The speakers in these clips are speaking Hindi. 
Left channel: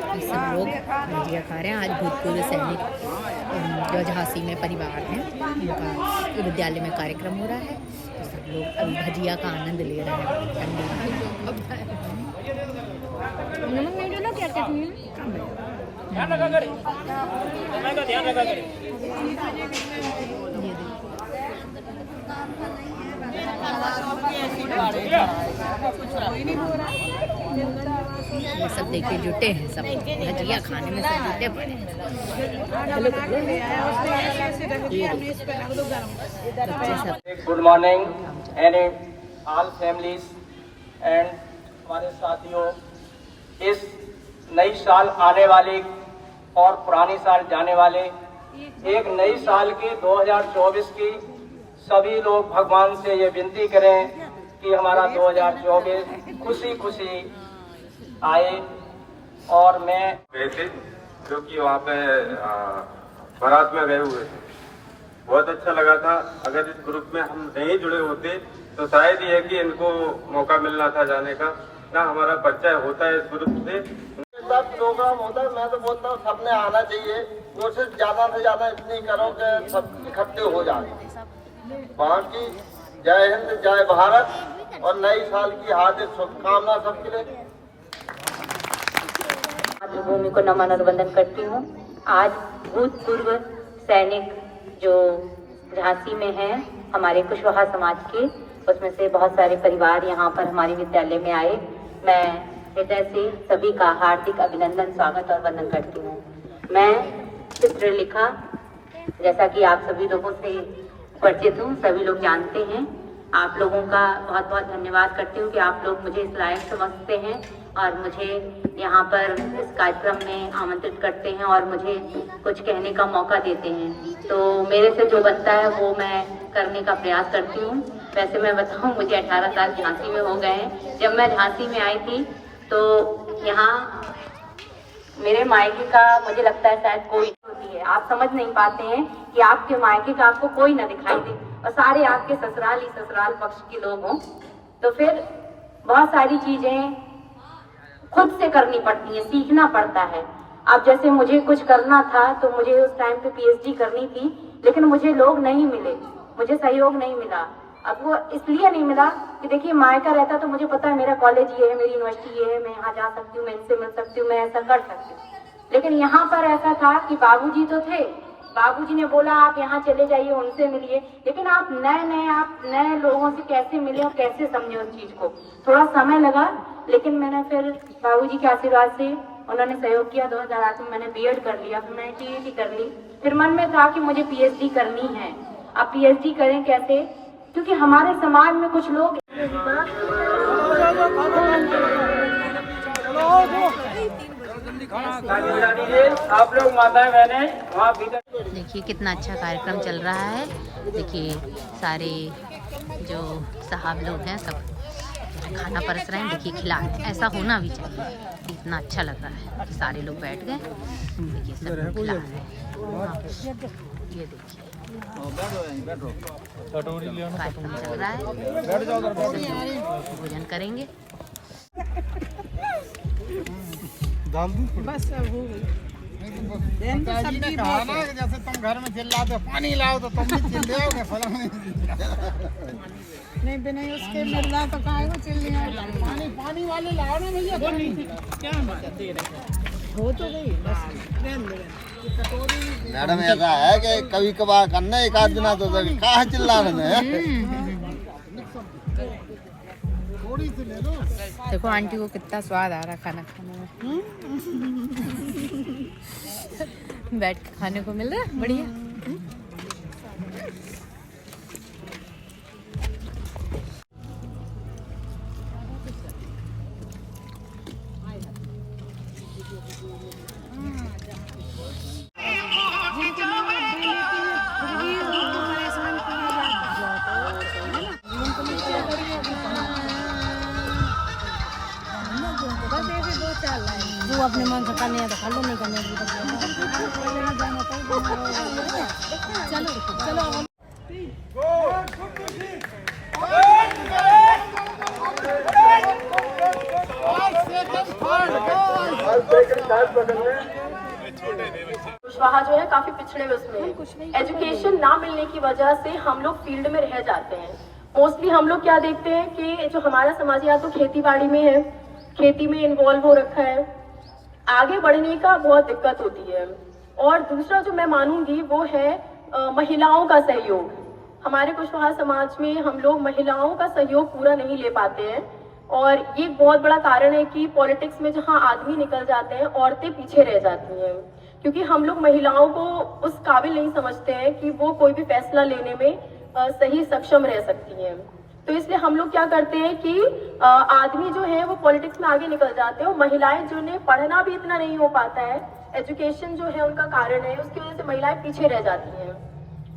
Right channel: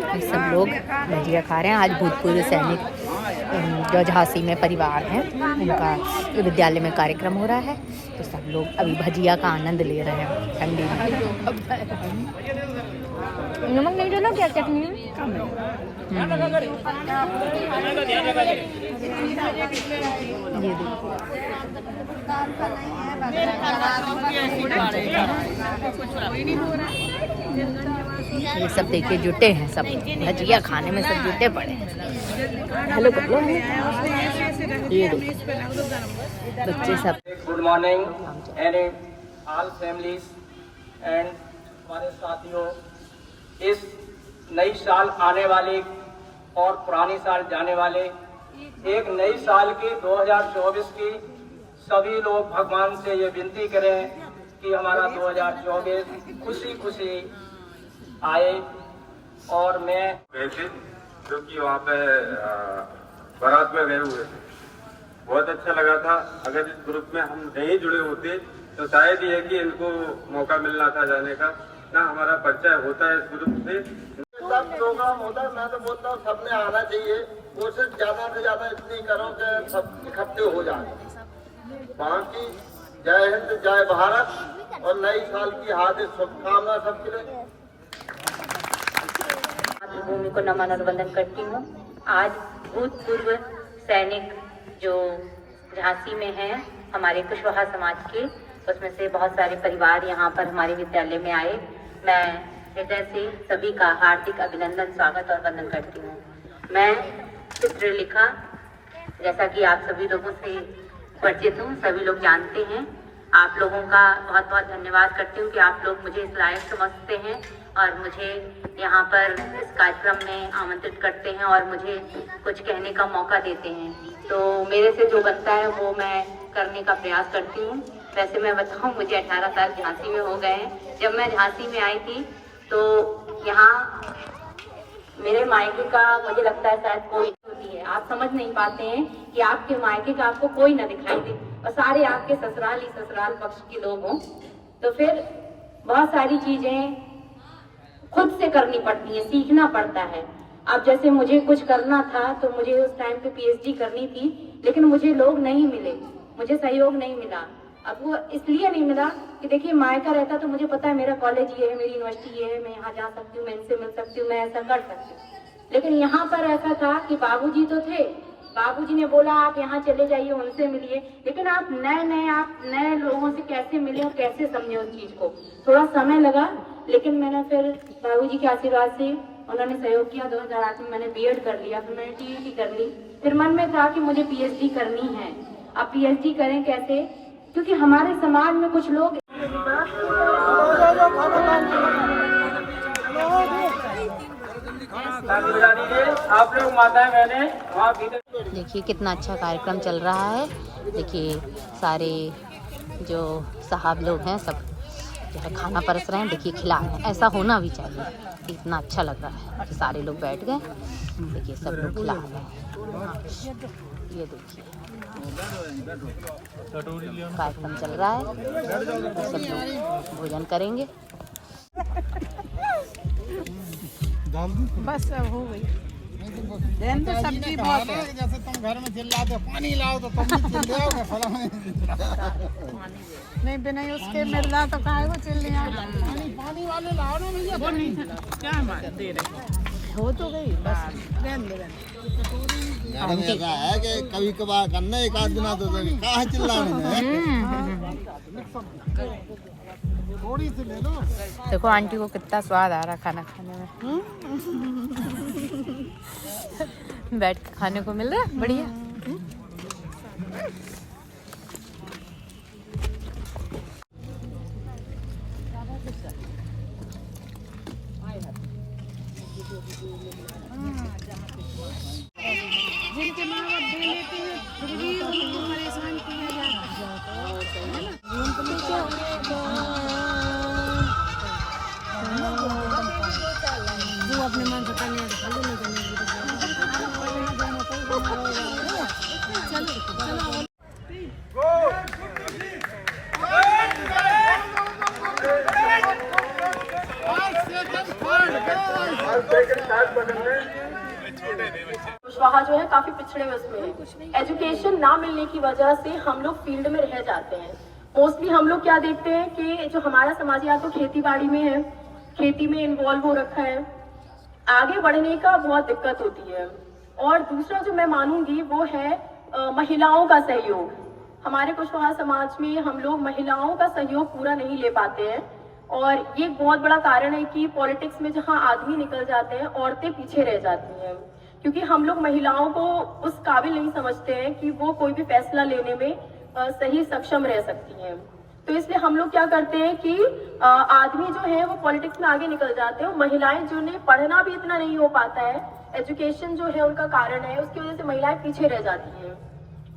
सब लोग भजिया खा रहे हैं। आज भूतपूर्व सैनिक जो झांसी में परिवार है उनका विद्यालय में कार्यक्रम हो रहा है, तो सब लोग अभी भजिया का आनंद ले रहे हैं ठंडी में। नमक नहीं देना क्या चटनी ये सब देखिए जुटे हैं, सब भजिया खाने में सब जुटे पड़े हैं। हेलो ये बच्चे सब। Good morning and all families and हमारे साथियों, इस नई साल आने वाली और पुरानी साल जाने वाले एक नई साल की 2024 की सभी लोग भगवान से ये विनती करें कि हमारा 2024 खुशी खुशी आए। और मैं गए थे जो कि वहाँ पे बारात में गए हुए थे, बहुत अच्छा लगा था। अगर इस ग्रुप में हम नहीं जुड़े होते तो शायद ये है कि इनको मौका मिलना था जाने का, ना हमारा परिचय होता है इस ग्रुप से। सब प्रोग्राम होता है, मैं तो बोलता हूँ सबने आना चाहिए। कोशिश ज्यादा से ज्यादा इतनी करो कि सब इकट्ठे हो जाए। बाकी जय हिंद, जय भारत और नई साल की हार्दिक शुभकामना सबके लिए। मातृभूमि को नमन और वंदन करती हूँ। आज भूतपूर्व सैनिक जो झांसी में हैं हमारे कुशवाहा समाज के, उसमें से बहुत सारे परिवार यहाँ पर हमारे विद्यालय में आए। मैं हृदय से सभी का हार्दिक अभिनंदन, स्वागत और वंदन करती हूँ। मैं चित्रलेखा, जैसा कि आप सभी लोगों से परिचित हूँ, सभी लोग जानते हैं। आप लोगों का बहुत बहुत धन्यवाद करती हूँ कि आप लोग मुझे इस लायक समझते हैं और मुझे यहाँ पर इस कार्यक्रम में आमंत्रित करते हैं और मुझे कुछ कहने का मौका देते हैं। तो मेरे से जो बनता है वो मैं करने का प्रयास करती हूँ। वैसे मैं बताऊँ, मुझे 18 साल झांसी में हो गए हैं। जब मैं झांसी में आई थी तो यहाँ मेरे मायके का मुझे लगता है शायद कोई होती है, आप समझ नहीं पाते हैं कि आपके मायके का आपको कोई ना दिखाई दे और सारे आपके ससुराल ही ससुराल पक्ष के लोग हों। तो फिर बहुत सारी चीजें खुद से करनी पड़ती हैं, सीखना पड़ता है। अब जैसे मुझे कुछ करना था तो मुझे उस टाइम पे पीएचडी करनी थी, लेकिन मुझे लोग नहीं मिले, मुझे सहयोग नहीं मिला। अब वो इसलिए नहीं मिला कि देखिए मायका रहता तो मुझे पता है मेरा कॉलेज ये है, मेरी यूनिवर्सिटी ये है, मैं यहाँ जा सकती हूँ, मैं इनसे मिल सकती हूँ, मैं ऐसा कर सकती हूँ। लेकिन यहाँ पर ऐसा था कि बाबूजी तो थे, बाबूजी ने बोला आप यहाँ चले जाइए, उनसे मिलिए, लेकिन आप नए लोगों से कैसे मिले और कैसे समझे उस चीज को। थोड़ा समय लगा, लेकिन मैंने फिर बाबूजी के आशीर्वाद से उन्होंने सहयोग किया। 2008 में मैंने बीएड कर लिया, फिर मैंने टीईटी कर ली। फिर मन में था कि मुझे पीएचडी करनी है। अब पीएचडी करें कैसे, क्योंकि हमारे समाज में कुछ लोग आप लोग माताएं बहने वहाँ भीतर। देखिए कितना अच्छा कार्यक्रम चल रहा है। देखिए सारे जो साहब लोग हैं सब जो है खाना परस रहे हैं, देखिए खिला रहे हैं। ऐसा होना भी चाहिए, इतना अच्छा लग रहा है। सारे लोग बैठ गए, देखिए सब लोग खिला रहे हैं। ये देखिए कार्यक्रम चल रहा है, सब लोग भोजन करेंगे। बस अब हो गई। जैसे तुम घर में चिल्लाते पानी लाओ तो तुम भी चिल्लाओगे, फलाने नहीं उसके मिल रहा तो काहे को चिल्ली पानी वाले लाओ ना भैया। क्या दे रहे हो तो गई बस। मैडम ऐसा है कि कभी कभार करना, एक आध दिन तो कहाँ चिल्ला रहे हैं। थोड़ी सी ले लो। देखो आंटी को कितना स्वाद आ रहा खाना खाने में। बैठ के खाने को मिल रहा है, बढ़िया। जिनके माँ बाप दे लेते हैं फिर भी उनको परेशान किया जाता है। वो अपने मन से करने तो खा लो, नहीं करने चलो चलो। कुशवाहा जो है काफी पिछड़े हुए उसमें है। एजुकेशन ना मिलने की वजह से हम लोग फील्ड में रह जाते हैं। मोस्टली हम लोग क्या देखते हैं कि जो हमारा समाज या तो खेती बाड़ी में है, खेती में इन्वॉल्व हो रखा है, आगे बढ़ने का बहुत दिक्कत होती है। और दूसरा जो मैं मानूंगी वो है महिलाओं का सहयोग। हमारे कुशवाहा समाज में हम लोग महिलाओं का सहयोग पूरा नहीं ले पाते हैं और ये एक बहुत बड़ा कारण है कि पॉलिटिक्स में जहां आदमी निकल जाते हैं औरतें पीछे रह जाती हैं, क्योंकि हम लोग महिलाओं को उस काबिल नहीं समझते हैं कि वो कोई भी फैसला लेने में सही सक्षम रह सकती हैं। तो इसलिए हम लोग क्या करते हैं कि आदमी जो है वो पॉलिटिक्स में आगे निकल जाते हैं और महिलाएं जिन्हें पढ़ना भी इतना नहीं हो पाता है, एजुकेशन जो है उनका कारण है, उसकी वजह से महिलाएं पीछे रह जाती हैं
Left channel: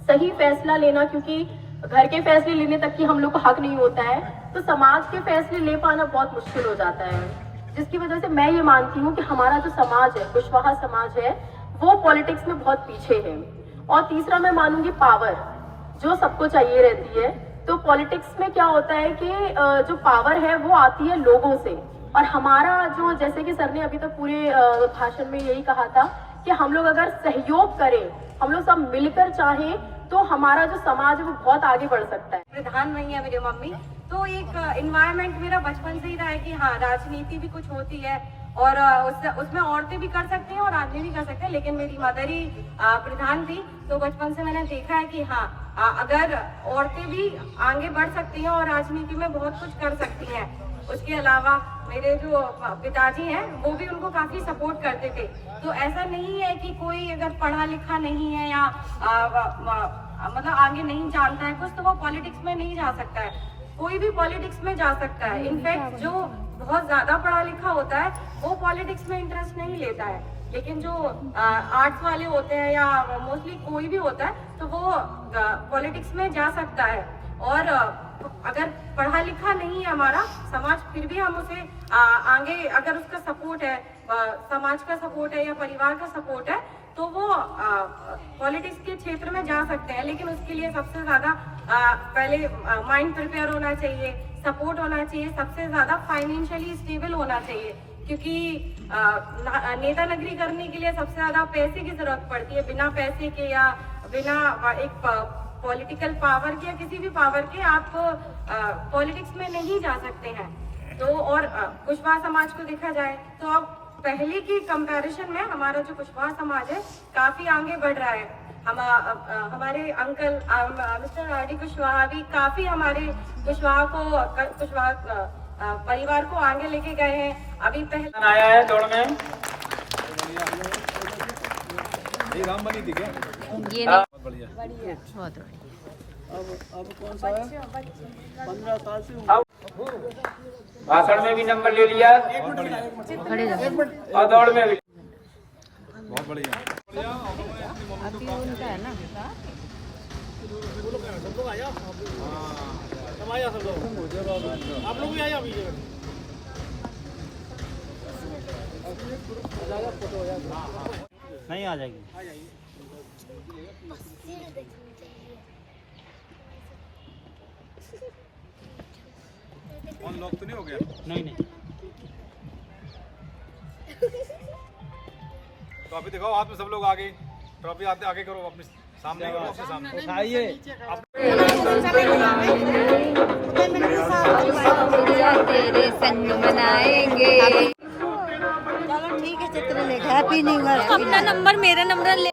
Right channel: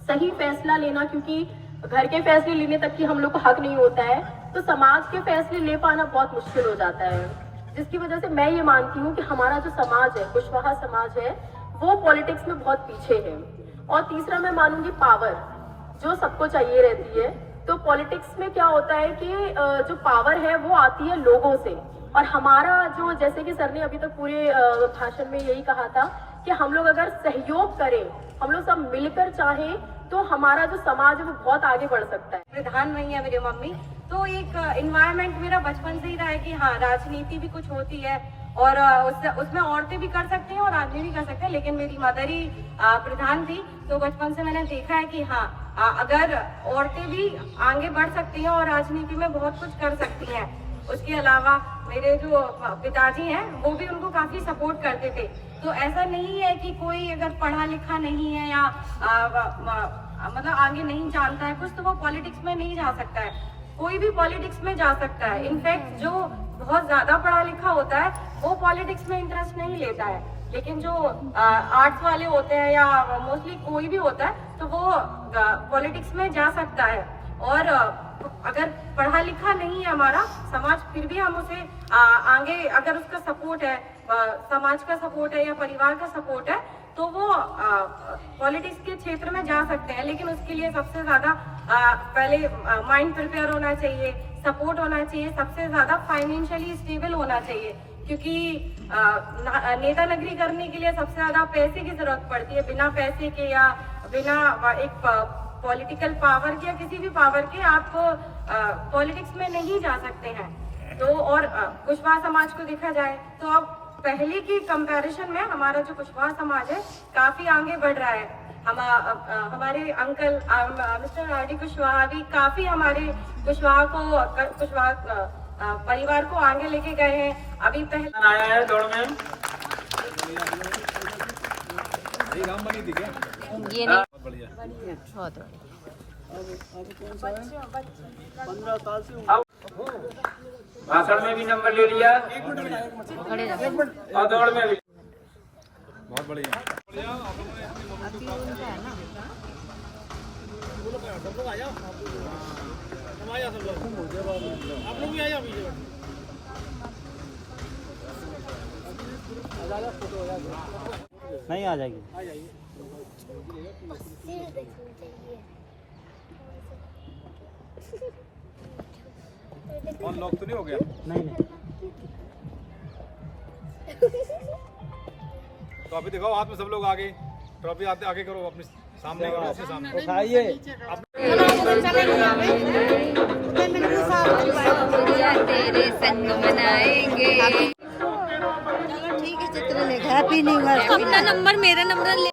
सही फैसला लेना, क्योंकि घर के फैसले लेने तक की हम लोग को हक नहीं होता है, तो समाज के फैसले ले पाना बहुत मुश्किल हो जाता है। जिसकी वजह से मैं ये मानती हूँ कि हमारा जो समाज है, कुशवाहा समाज है, वो पॉलिटिक्स में बहुत पीछे है। और तीसरा मैं मानूंगी पावर, जो सबको चाहिए रहती है। तो पॉलिटिक्स में क्या होता है कि जो पावर है वो आती है लोगों से, और हमारा जो, जैसे कि सर ने अभी तो पूरे भाषण में यही कहा था कि हम लोग अगर सहयोग करें, हम लोग सब मिलकर चाहें, तो हमारा जो समाज है वो बहुत आगे बढ़ सकता है। प्रधान वही है मेरी मम्मी, तो एक इन्वायरमेंट मेरा बचपन से ही रहा है कि हाँ राजनीति भी कुछ होती है और उसमें औरतें भी कर सकती हैं और आदमी भी कर सकते हैं, लेकिन मेरी मदर ही प्रधान थी, तो बचपन से मैंने देखा है कि हाँ अगर औरतें भी आगे बढ़ सकती हैं और राजनीति में बहुत कुछ कर सकती हैं। उसके अलावा मेरे जो पिताजी हैं वो भी उनको काफी सपोर्ट करते थे। तो ऐसा नहीं है कि कोई अगर पढ़ा लिखा नहीं है या मतलब आगे नहीं जानता है कुछ, तो वो पॉलिटिक्स में नहीं जा सकता है। कोई भी पॉलिटिक्स में जा सकता है। इनफैक्ट जो बहुत ज्यादा पढ़ा लिखा होता है वो पॉलिटिक्स में इंटरेस्ट नहीं लेता है, लेकिन जो आर्ट्स वाले होते हैं या मोस्टली कोई भी होता है तो वो पॉलिटिक्स में जा सकता है। और अगर पढ़ा लिखा नहीं है हमारा समाज, फिर भी हम उसे आगे, अगर उसका सपोर्ट है, समाज का सपोर्ट है या परिवार का सपोर्ट है, तो वो पॉलिटिक्स के क्षेत्र में जा सकते हैं। लेकिन उसके लिए सबसे ज्यादा पहले माइंड प्रिपेयर होना चाहिए, सपोर्ट होना चाहिए, सबसे ज्यादा फाइनेंशियली स्टेबल होना चाहिए, क्योंकि नेता नगरी करने के लिए सबसे ज्यादा पैसे की जरूरत पड़ती है। बिना पैसे के या बिना एक पॉलिटिकल पावर के या किसी भी पावर के आप पॉलिटिक्स में नहीं जा सकते हैं। तो और कुशवाहा समाज को देखा जाए तो अब पहले की कंपैरिजन में हमारा जो कुशवाहा समाज है काफी आगे बढ़ रहा है। हमारे अंकल मिस्टर आर.डी. कुशवाहा भी काफी हमारे कुशवाहा परिवार को आगे लेके गए हैं। अभी पहले आया है दौड़ में ये भाषण में भी नंबर ले लिया और दौड़ में भी। बहुत बढ़िया। आप लोग भी आइए अभी। नहीं आ जाएगी। और लॉक तो नहीं हो गया? नहीं नहीं। ट्रॉफी दिखाओ हाथ में, सब लोग आगे ट्रॉफी आते आगे करो, अपने सामने करो, अपने सामने तेरे संग मनाएंगे। ठीक है, चित्र ले, हैप्पी न्यू ईयर। अपना नंबर मेरा नंबर ले।